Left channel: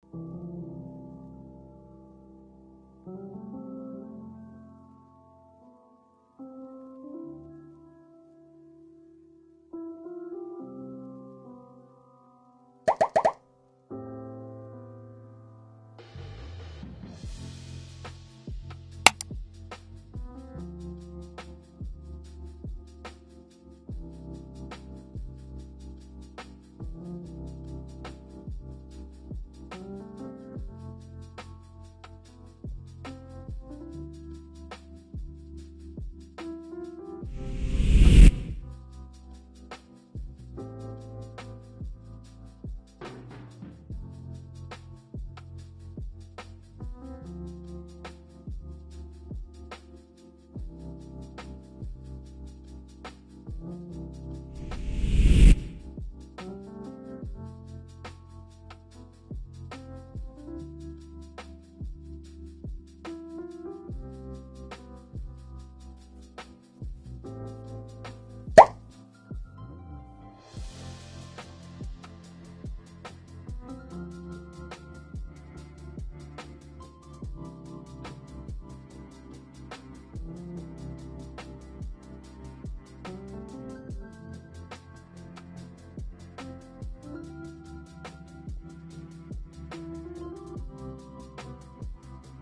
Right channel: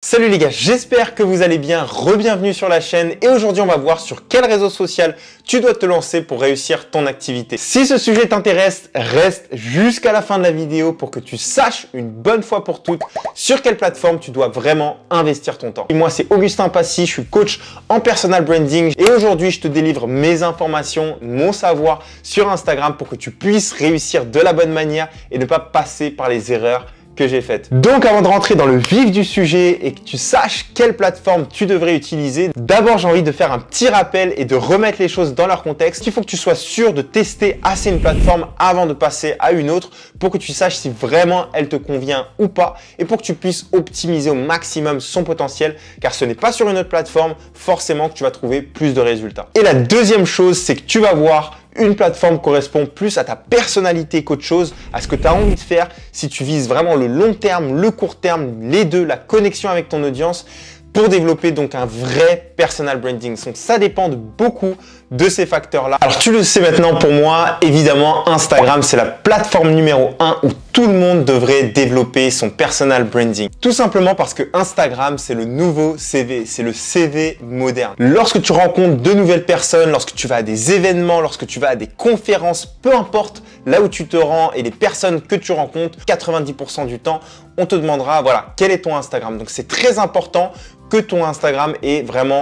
Salut les gars, j'espère que vous allez bien, re-bienvenue sur la chaîne et aujourd'hui on va voir sur quel réseau social tu dois te lancer pour réussir ton activité. Si ce sujet t'intéresse, reste jusqu'à la fin de la vidéo pour que tu saches une bonne fois pour toutes sur quelle plateforme tu dois vraiment investir ton temps. Et moi c'est Augustin Passy, je suis coach en personal branding et aujourd'hui je te délivre mes informations, mon savoir sur Instagram pour que tu puisses réussir de la bonne manière et ne pas passer par les erreurs que j'ai faites. Donc avant de rentrer dans le vif du sujet et que tu saches quelle plateforme tu devrais utiliser, d'abord j'ai envie de faire un petit rappel et de remettre les choses dans leur contexte. Il faut que tu sois sûr de tester assez une plateforme avant de passer à une autre pour que tu saches si vraiment elle te convient ou pas et pour que tu puisses optimiser au maximum son potentiel car ce n'est pas sur une autre plateforme forcément que tu vas trouver plus de résultats. Et la deuxième chose, c'est que tu vas voir une plateforme correspond plus à ta personnalité qu'autre chose, à ce que tu as envie de faire. Si tu vises vraiment le long terme, le court terme, les deux, la connexion avec ton audience, pour développer donc un vrai personal branding. Donc ça dépend beaucoup de ces facteurs-là. Alors tu le sais maintenant pour moi, évidemment Instagram c'est la plateforme numéro 1 où tout le monde devrait développer son personal branding. Tout simplement parce que Instagram c'est le nouveau CV, c'est le CV moderne. Lorsque tu rencontres de nouvelles personnes, lorsque tu vas à des événements, lorsque tu vas à des conférences, peu importe là où tu te rends et les personnes que tu rencontres, 90% du temps, on te demandera voilà, quel est ton Instagram. Donc c'est très important que ton Instagram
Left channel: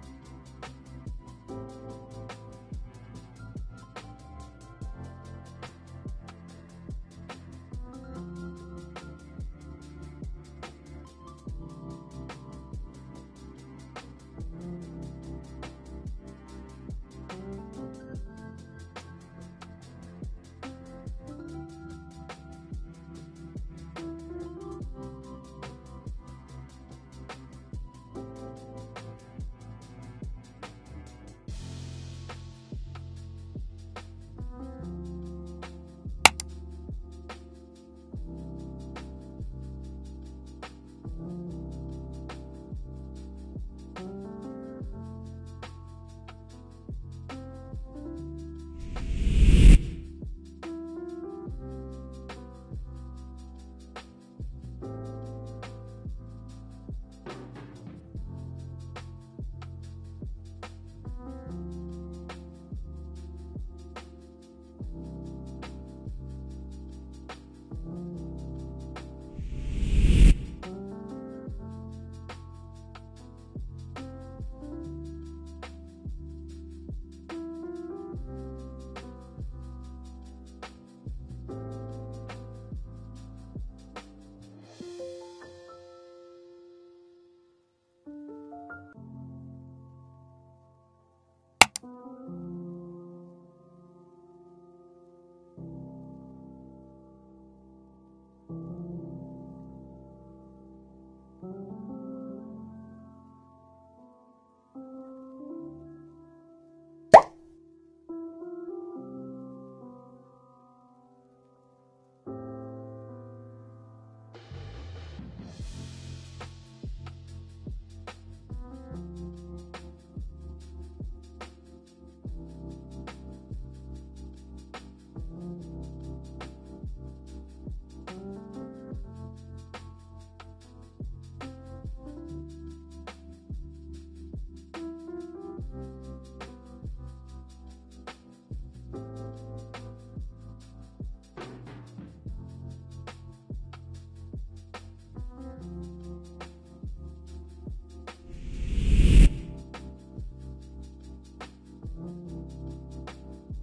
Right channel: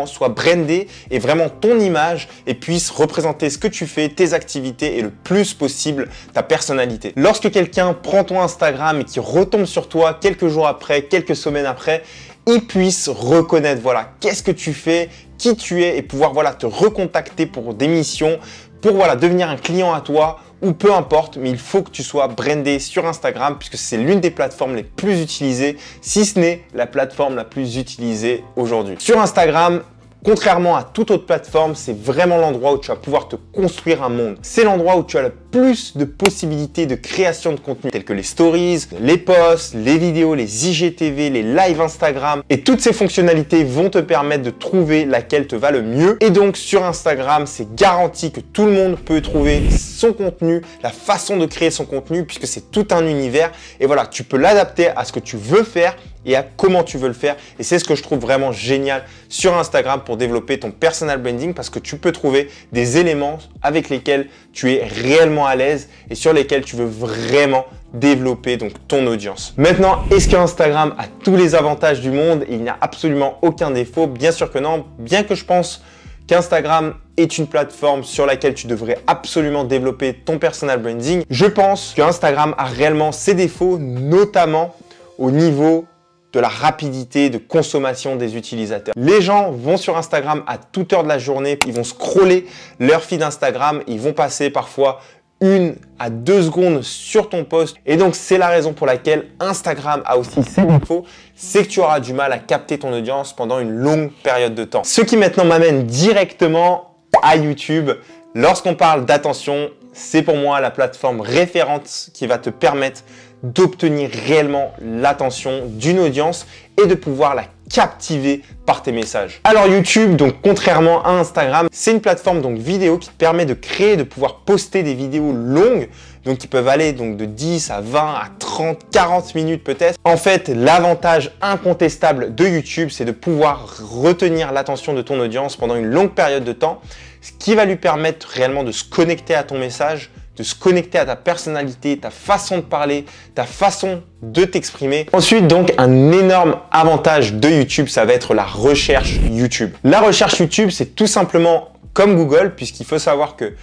soit brandé et vraiment ton image et puisse représenter ce que tu fais, tes activités et le plus possible ta personnalité. Lorsque quelqu'un prend ton Instagram et qui retombe sur toi quelques jours après, quelques semaines après, il puisse reconnaître voilà, qu'est-ce que tu fais, qui tu es et pouvoir voilà, te recontacter pour des missions, pour voilà, devenir un client à toi ou peu importe, mais il faut que tu sois brandé sur Instagram puisque c'est l'une des plateformes les plus utilisées, si ce n'est la plateforme la plus utilisée aujourd'hui. Sur Instagram, contrairement à toute autre plateforme, c'est vraiment l'endroit où tu vas pouvoir te construire un monde. C'est l'endroit où tu as le plus de possibilités de création de contenu tels que les stories, les posts, les vidéos, les IGTV, les lives Instagram. Et toutes ces fonctionnalités vont te permettre de trouver laquelle te va le mieux. Et donc sur Instagram, c'est garanti que tout le monde peut trouver son contenu, la façon de créer son contenu puisque c'est tout un univers. Et voilà, tu peux l'adapter à ce que tu veux faire et à comment tu veux le faire. Et c'est ce que je trouve vraiment génial sur Instagram pour développer ton personal branding parce que tu peux trouver des éléments avec lesquels tu es réellement à l'aise et sur lesquels tu veux vraiment développer donc ton audience. Maintenant, est-ce qu'Instagram a tous les avantages du monde et il n'y a absolument aucun défaut? Bien sûr que non, bien que je pense qu'Instagram est une plateforme sur laquelle tu devrais absolument développer ton personal branding. Je pense qu'Instagram a réellement ses défauts, notamment au niveau de la rapidité de consommation des utilisateurs. Les gens vont sur Instagram à toute heure de la journée, ils vont scroller leur feed Instagram, ils vont passer parfois 1 à 2 secondes sur ton post et donc c'est la raison pour laquelle Instagram a aussi ses défauts, c'est que tu auras du mal à capter ton audience pendant une longue période de temps. Ce qui maintenant m'amène directement à YouTube. Lorsqu'on parle d'attention, c'est pour moi la plateforme référente qui va te permettre d'obtenir réellement l'attention d'une audience et de pouvoir la captiver par tes messages. Alors YouTube, donc contrairement à Instagram, c'est une plateforme donc vidéo qui te permet de créer, de pouvoir poster des vidéos longues, donc qui peuvent aller donc de 10 à 20 à 30, 40 minutes peut-être. En fait, l'avantage incontestable de YouTube, c'est de pouvoir retenir l'attention de ton audience pendant une longue période de temps, ce qui va lui permettre réellement de se connecter à ton message, de se connecter à ta personnalité, ta façon de parler, ta façon de t'exprimer. Ensuite, donc, un énorme avantage de YouTube, ça va être la recherche YouTube. La recherche YouTube, c'est tout simplement comme Google, puisqu'il faut savoir que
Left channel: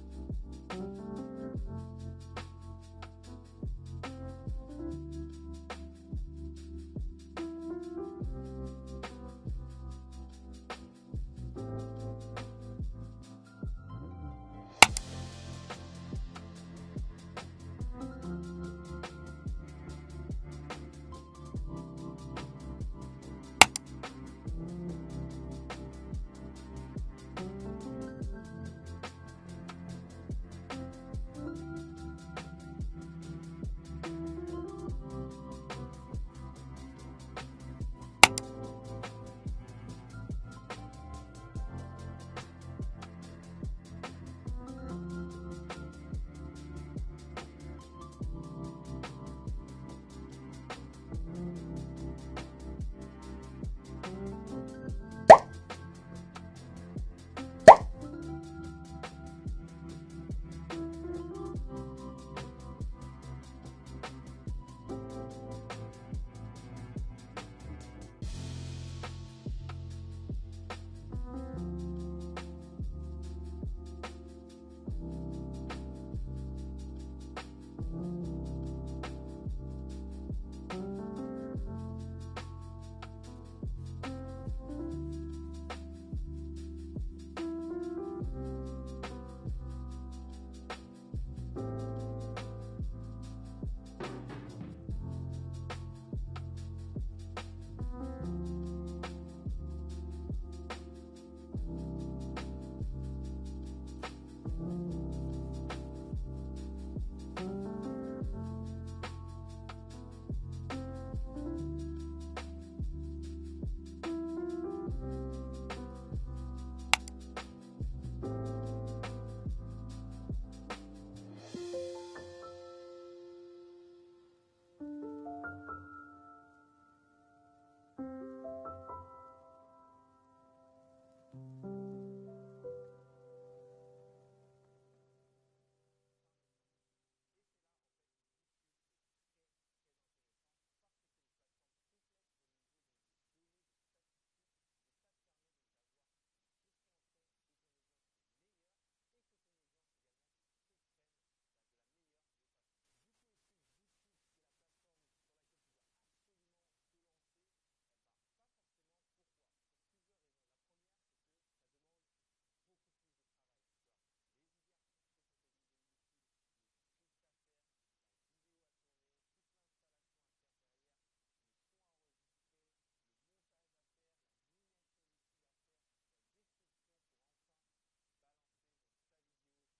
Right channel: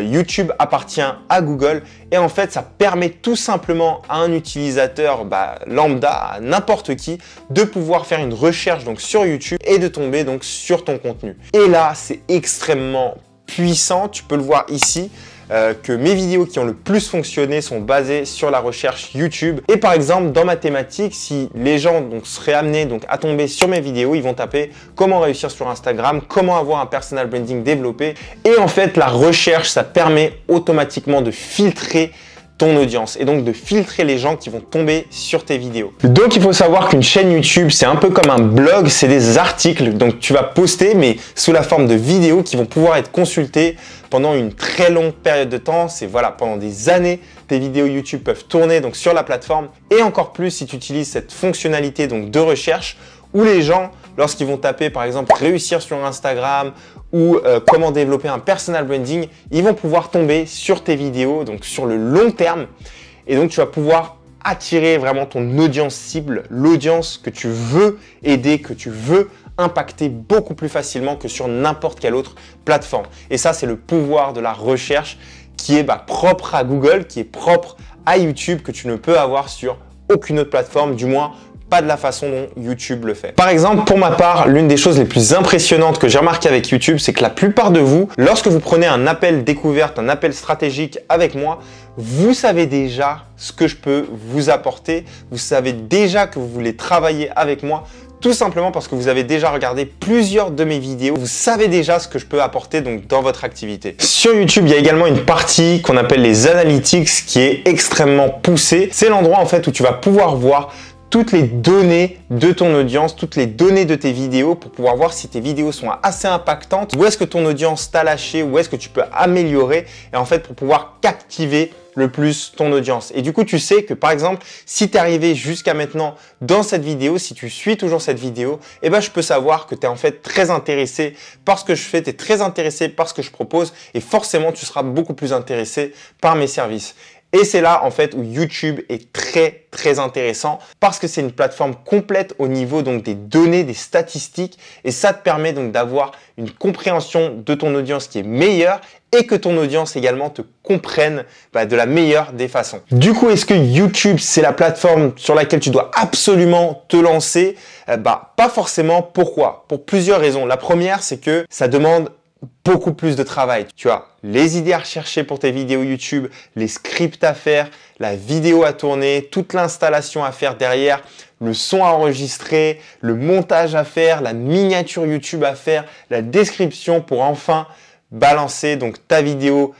YouTube appartient à Google et en fait, ça permet tout simplement à un utilisateur lambda, à n'importe qui, de pouvoir faire une recherche donc, sur YouTube et de tomber donc, sur ton contenu. Et là, c'est extrêmement puissant, tu peux le voir ici. Que mes vidéos qui ont le plus fonctionné sont basées sur la recherche YouTube. Et par exemple, dans ma thématique, si les gens seraient amenés à tomber sur mes vidéos, ils vont taper comment réussir sur Instagram, comment avoir un personal branding développé. Et en fait, la recherche, ça permet automatiquement de filtrer ton audience et donc de filtrer les gens qui vont tomber sur tes vidéos. Donc il faut savoir qu'une chaîne YouTube, c'est un peu comme un blog, c'est des articles donc tu vas poster mais sous la forme de vidéos qui vont pouvoir être consultées pendant une très longue période de temps. C'est voilà, pendant des années, tes vidéos YouTube peuvent tourner donc sur la plateforme et encore plus si tu utilises cette fonctionnalité donc de recherche où les gens, lorsqu'ils vont taper par exemple réussir sur Instagram ou comment développer un personal branding, ils vont pouvoir tomber sur tes vidéos, donc sur le long terme. Et donc tu vas pouvoir attirer vraiment ton audience cible, l'audience que tu veux aider, que tu veux impacter beaucoup plus facilement que sur n'importe quelle autre plateforme. Et ça, c'est le pouvoir de la recherche qui est propre à Google, qui est propre à YouTube, que tu ne peux avoir sur aucune autre plateforme, du moins pas de la façon dont YouTube le fait. Par exemple, pour ma part, l'une des choses les plus impressionnantes que j'ai remarqué avec YouTube, c'est que la plupart de vous, lorsque vous prenez un appel découverte, un appel stratégique avec moi, vous savez déjà ce que je peux vous apporter, vous savez déjà que vous voulez travailler avec moi, tout simplement parce que vous avez déjà regardé plusieurs de mes vidéos, vous savez déjà ce que je peux apporter donc dans votre activité. Sur YouTube, il y a également une partie qu'on appelle les analytics qui est extrêmement poussée. C'est l'endroit en fait où tu vas pouvoir voir toutes les données de ton audience, toutes les données de tes vidéos pour pouvoir voir si tes vidéos sont assez impactantes, où est-ce que ton audience t'a lâché, où est-ce que tu peux améliorer et en fait pour pouvoir captiver le plus ton audience. Et du coup, tu sais que par exemple, si tu es arrivé jusqu'à maintenant dans cette vidéo, si tu suis toujours cette vidéo, eh ben, je peux savoir que tu es en fait très intéressé par ce que je fais, tu es très intéressé par ce que je propose et forcément, tu seras beaucoup plus intéressé par mes services. Et c'est là en fait où YouTube est très intéressant parce que c'est une plateforme complète au niveau donc des données, des statistiques et ça te permet donc d'avoir une compréhension de ton audience qui est meilleure et que ton audience également te comprenne de la meilleure des façons. Du coup, est-ce que YouTube c'est la plateforme sur laquelle tu dois absolument te lancer? Pas forcément. Pourquoi? Pour plusieurs raisons. La première, c'est que ça demande beaucoup plus de travail. Tu as les idées à rechercher pour tes vidéos YouTube, les scripts à faire, la vidéo à tourner, toute l'installation à faire derrière, le son à enregistrer, le montage à faire, la miniature YouTube à faire, la description pour enfin balancer donc ta vidéo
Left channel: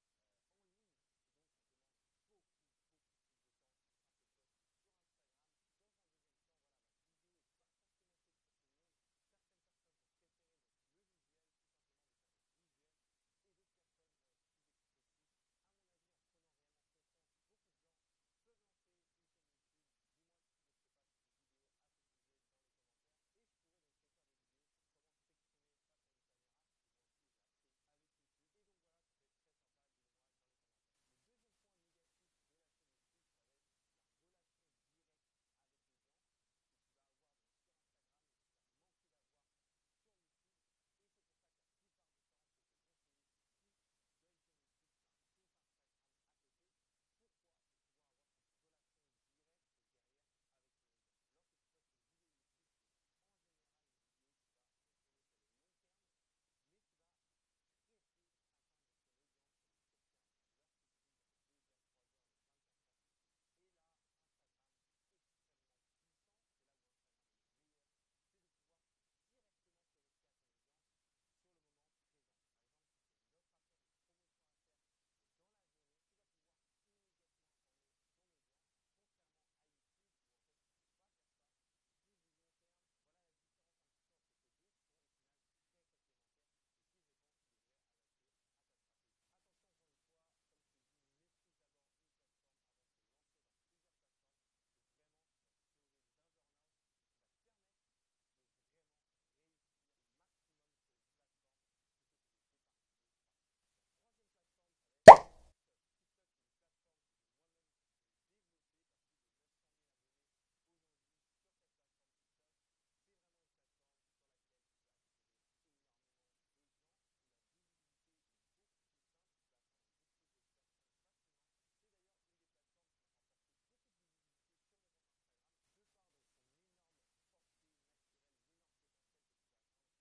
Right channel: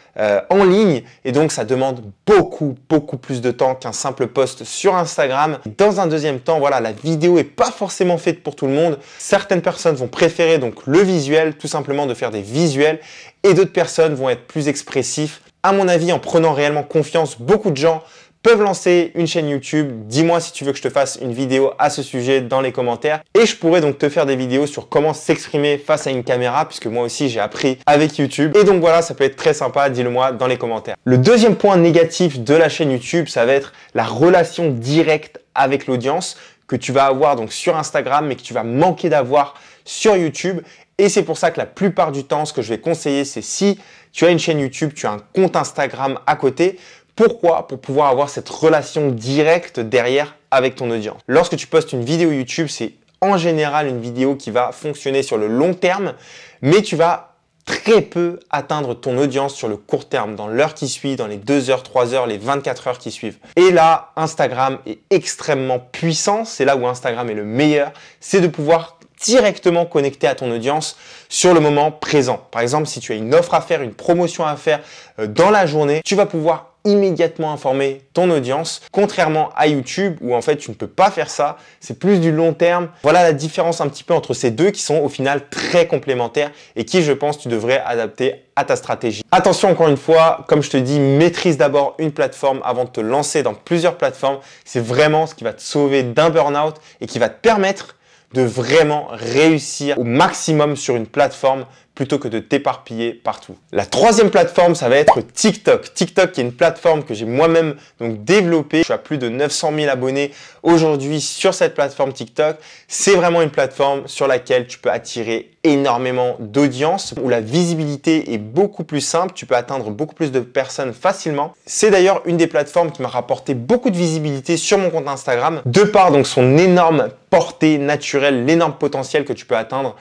en ligne et donc ça demande beaucoup plus de temps qu'un simple post sur Instagram. Dans un deuxième temps, voilà, la vidéo est pas forcément faite pour tout le monde. Certaines personnes vont préférer donc le visuel, tout simplement de faire des visuels et d'autres personnes vont être plus expressifs. À mon avis, en prenant réellement confiance, beaucoup de gens peuvent lancer une chaîne YouTube. Dis-moi si tu veux que je te fasse une vidéo à ce sujet dans les commentaires. Et je pourrais donc te faire des vidéos sur comment s'exprimer face à une caméra, puisque moi aussi j'ai appris avec YouTube. Et donc voilà, ça peut être très sympa, dis-le moi dans les commentaires. Le deuxième point négatif de la chaîne YouTube, ça va être la relation directe avec l'audience que tu vas avoir donc sur Instagram, mais que tu vas manquer d'avoir sur YouTube. Et c'est pour ça que la plupart du temps, ce que je vais conseiller, c'est si tu as une chaîne YouTube, tu as un compte Instagram à côté. Pourquoi? Pour pouvoir avoir cette relation directe derrière avec ton audience. Lorsque tu postes une vidéo YouTube, c'est en général une vidéo qui va fonctionner sur le long terme, mais tu vas très peu atteindre ton audience sur le court terme, dans l'heure qui suit, dans les 2 heures, 3 heures, les 24 heures qui suivent. Et là, Instagram est extrêmement puissant. C'est là où Instagram est le meilleur. C'est de pouvoir directement connecter à ton audience sur le moment présent. Par exemple, si tu as une offre à faire, une promotion à faire dans la journée, tu vas pouvoir immédiatement informer ton audience, contrairement à YouTube où en fait tu ne peux pas faire ça, c'est plus du long terme. Voilà la différence un petit peu entre ces deux qui sont au final très complémentaires et qui je pense tu devrais adapter à ta stratégie. Attention encore une fois, comme je te dis, maîtrise d'abord une plateforme avant de te lancer dans plusieurs plateformes. C'est vraiment ce qui va te sauver d'un burn-out et qui va te permettre de vraiment réussir au maximum sur une plateforme plutôt que de t'éparpiller partout. La troisième plateforme, ça va être TikTok. TikTok qui est une plateforme que j'ai moi-même donc développée. Je suis à plus de 900 000 abonnés aujourd'hui sur cette plateforme TikTok. C'est vraiment une plateforme sur laquelle tu peux attirer énormément d'audience, où la visibilité est beaucoup plus simple. Tu peux atteindre beaucoup plus de personnes facilement. C'est d'ailleurs une des plateformes qui m'a rapporté beaucoup de visibilité sur mon compte Instagram, de par donc son énorme portée naturelle, l'énorme potentiel que tu peux atteindre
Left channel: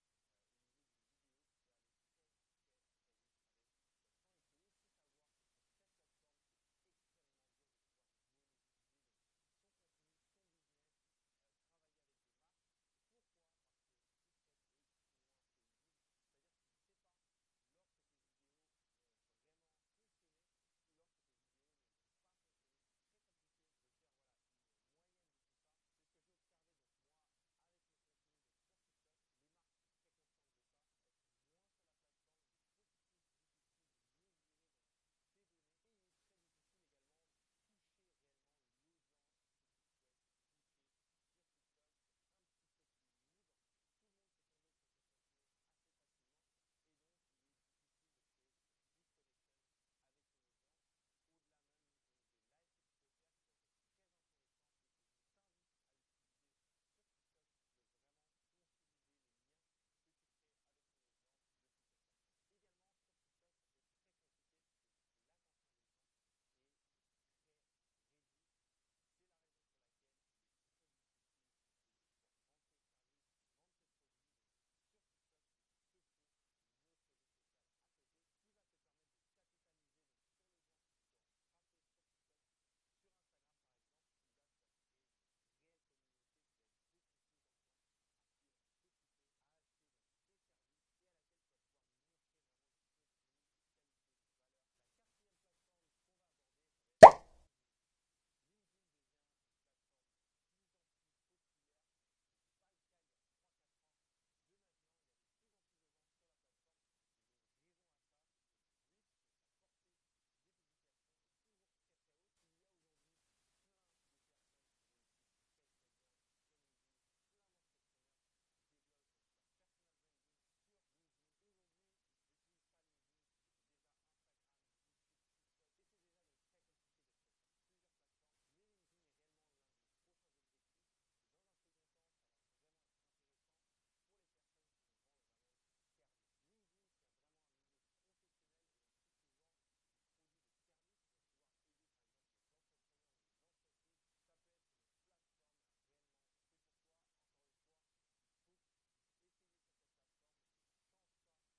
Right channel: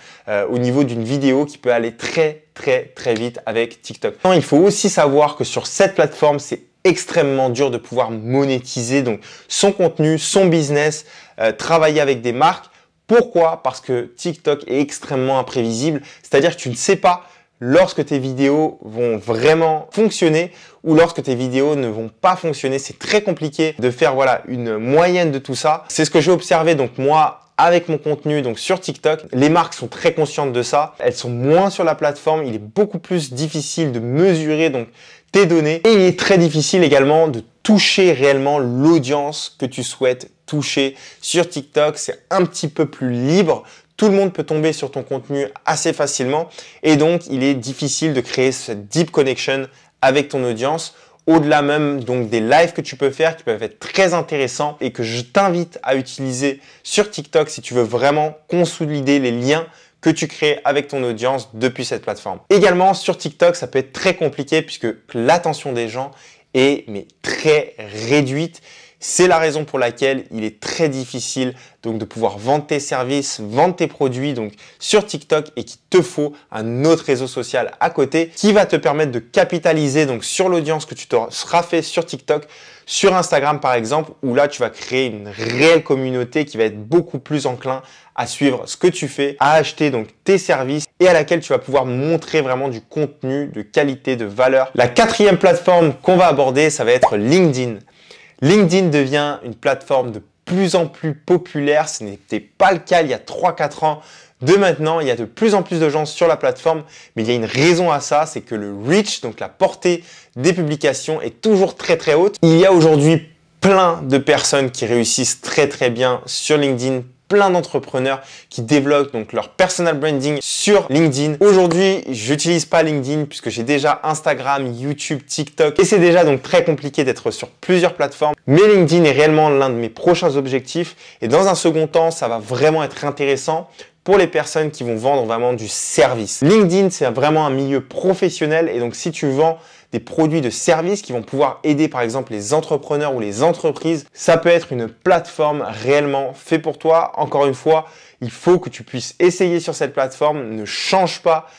au niveau d'une vidéo qui peut aller très vite avec TikTok. Il faut aussi savoir que sur cette plateforme, c'est extrêmement dur de pouvoir monétiser donc son contenu, son business, travailler avec des marques. Pourquoi? Parce que TikTok est extrêmement imprévisible, c'est-à-dire que tu ne sais pas lorsque tes vidéos vont vraiment fonctionner ou lorsque tes vidéos ne vont pas fonctionner. C'est très compliqué de faire voilà, une moyenne de tout ça. C'est ce que j'ai observé donc moi avec mon contenu donc sur TikTok. Les marques sont très conscientes de ça. Elles sont moins sur la plateforme. Il est beaucoup plus difficile de mesurer donc tes données et il est très difficile également de toucher réellement l'audience que tu souhaites toucher. Sur TikTok, c'est un petit peu plus libre. Tout le monde peut tomber sur ton contenu assez facilement et donc il est difficile de créer cette deep connection avec ton audience. Au-delà même donc des lives que tu peux faire qui peuvent être très intéressants et que je t'invite à utiliser sur TikTok si tu veux vraiment consolider les liens que tu crées avec ton audience depuis cette plateforme. Également sur TikTok, ça peut être très compliqué puisque l'attention des gens est très réduite. C'est la raison pour laquelle il est très difficile donc de pouvoir vendre tes services, vendre tes produits donc sur TikTok et qu'il te faut un autre réseau social à côté qui va te permettre de capitaliser donc sur l'audience que tu te seras fait sur TikTok, sur Instagram par exemple, où là tu vas créer une réelle communauté qui va être beaucoup plus enclin à suivre ce que tu fais, à acheter donc tes services et à laquelle tu vas pouvoir montrer vraiment du contenu de qualité, de valeur. La quatrième plateforme qu'on va aborder, ça va être LinkedIn. LinkedIn devient une plateforme de plus en plus populaire. Ce n'était pas le cas il y a 3-4 ans. De maintenant, il y a de plus en plus de gens sur la plateforme, mais il y a une raison à ça, c'est que le reach, donc la portée des publications est toujours très haute. Il y a aujourd'hui plein de personnes qui réussissent très bien sur LinkedIn, plein d'entrepreneurs qui développent donc leur personal branding sur LinkedIn. Aujourd'hui, j'utilise pas LinkedIn puisque j'ai déjà Instagram, YouTube, TikTok et c'est déjà donc très compliqué d'être sur plusieurs plateformes. Mais LinkedIn est réellement l'un de mes prochains objectifs et dans un second temps, ça va vraiment être intéressant pour les personnes qui vont vendre vraiment du service. LinkedIn, c'est vraiment un milieu professionnel et donc si tu vends des produits de services qui vont pouvoir aider par exemple les entrepreneurs ou les entreprises, ça peut être une plateforme réellement faite pour toi. Encore une fois, il faut que tu puisses essayer sur cette plateforme, ne change pas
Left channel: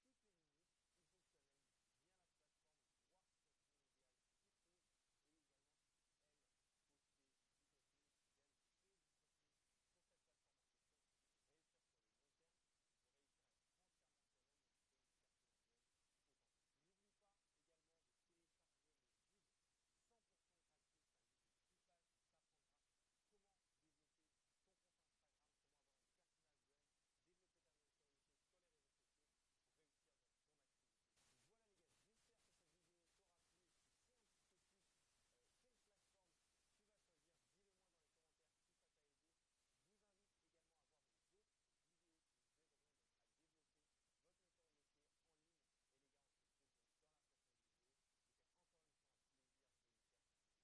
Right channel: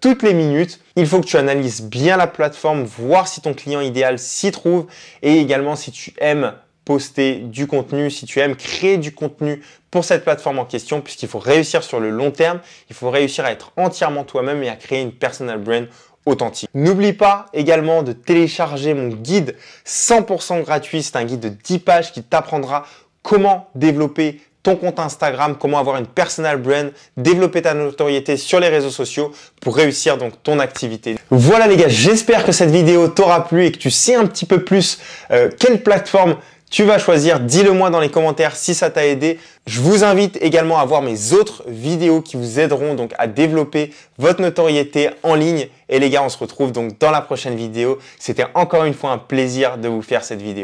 toutes les minutes. Il faut que tu analyses bien la plateforme, voir si ton client idéal s'y trouve et également si tu aimes poster du contenu, si tu aimes créer du contenu pour cette plateforme en question, puisqu'il faut réussir sur le long terme, il faut réussir à être entièrement toi-même et à créer une personal brand authentique. N'oublie pas également de télécharger mon guide 100% gratuit. C'est un guide de 10 pages qui t'apprendra comment développer ton compte Instagram, comment avoir une personal brand, développer ta notoriété sur les réseaux sociaux pour réussir donc ton activité. Voilà les gars, j'espère que cette vidéo t'aura plu et que tu sais un petit peu plus quelle plateforme tu vas choisir. Dis-le moi dans les commentaires si ça t'a aidé. Je vous invite également à voir mes autres vidéos qui vous aideront donc à développer votre notoriété en ligne. Et les gars, on se retrouve donc dans la prochaine vidéo. C'était encore une fois un plaisir de vous faire cette vidéo.